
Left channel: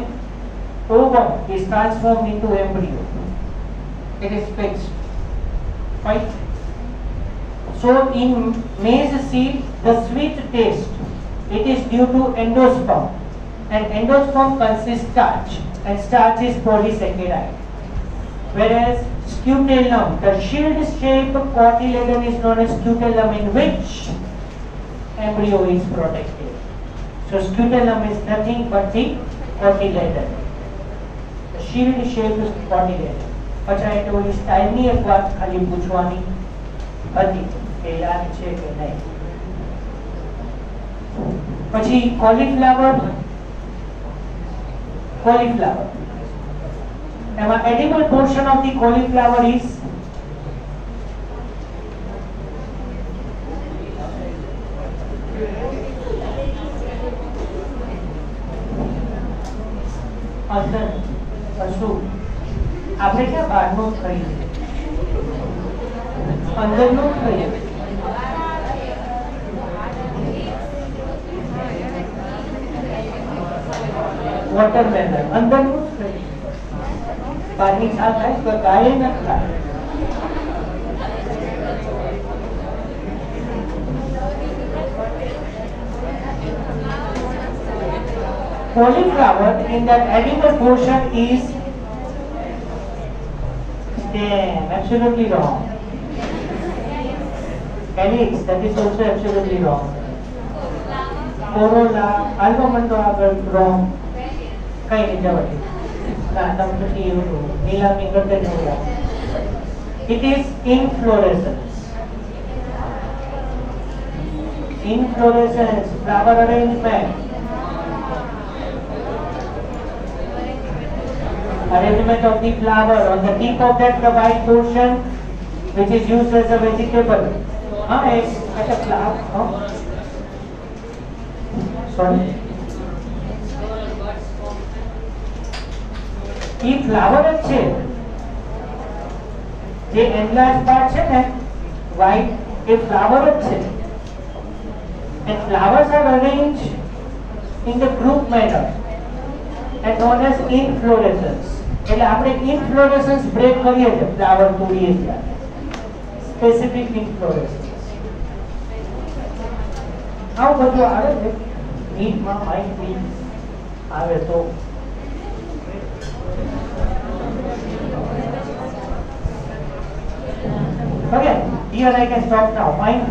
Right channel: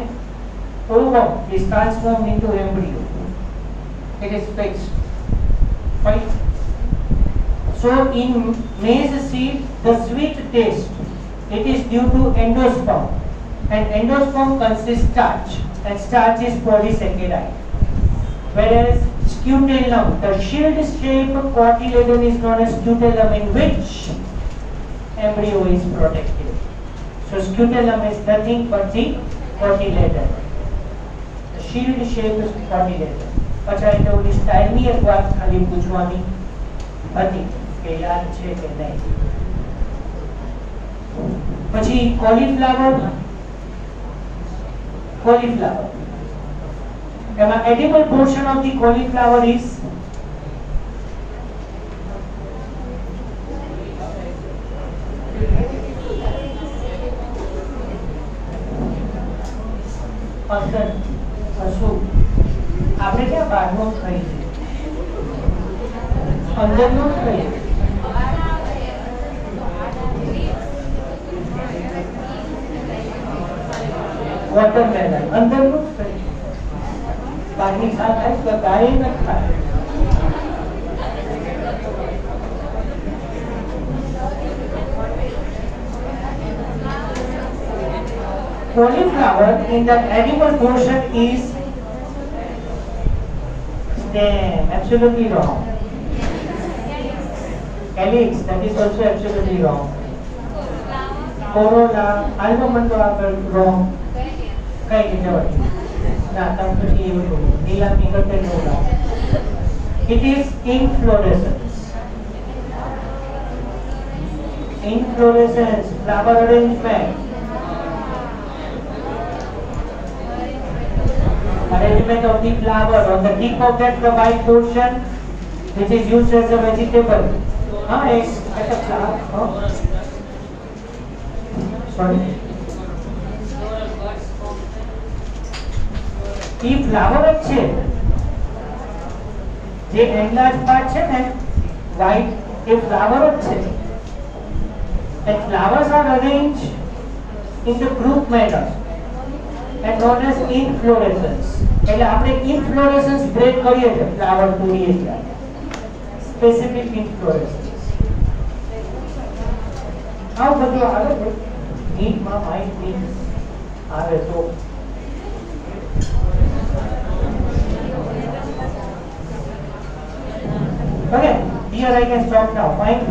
ovum is transformed into embryo. It is fixed, right? So in maize seed, the sweet taste, it is due to endosperm, and endosperm consists starch, and starch is polysaccharide. Whereas scutellum, the shield-shaped cotyledon is known as scutellum, in which embryo is protected. So scutellum is nothing but the cotyledon, the shield-shaped cotyledon. अच्छा એટલે ઓલી સ્ટાઇલની એક વાત ખાલી પૂછવાની હતી કે યાદ છે કે નહીં. પછી કોલીફ્લાવર, એમાં edible portion of the cauliflower is આપણે ક્યાં બહારનો ખાઈ અંદરનો ખાઈ વોટરમેલન અંદરનું જ ખાઈ બહારની સાથ થાય તો ગાય ન ખાય. Cauliflower in the edible portion is absolutely wrong. Calyx, that is also absolutely wrong. Corolla, almond wrong. Kay jawab. Na tampi itu. Nila mingkatkan wrong. It is inflorescence. Inflorescence, flower arrangement. Arrangement of the flower on the tip of that white portion, which is used as a vegetable. At a flower. Sorry. If flower છે જે enlarged part છે ને white, એ flower છે. And flowers are arranged in the group manner and known as inflorescence. એટલે આપણે inflorescence break કરીએ છીએ flower તોડીએ છીએ. Specific inflorescence. આવું બધું આવે છે નીટમાં માહિતી આવે તો. Okay, here I can stop now. Fine.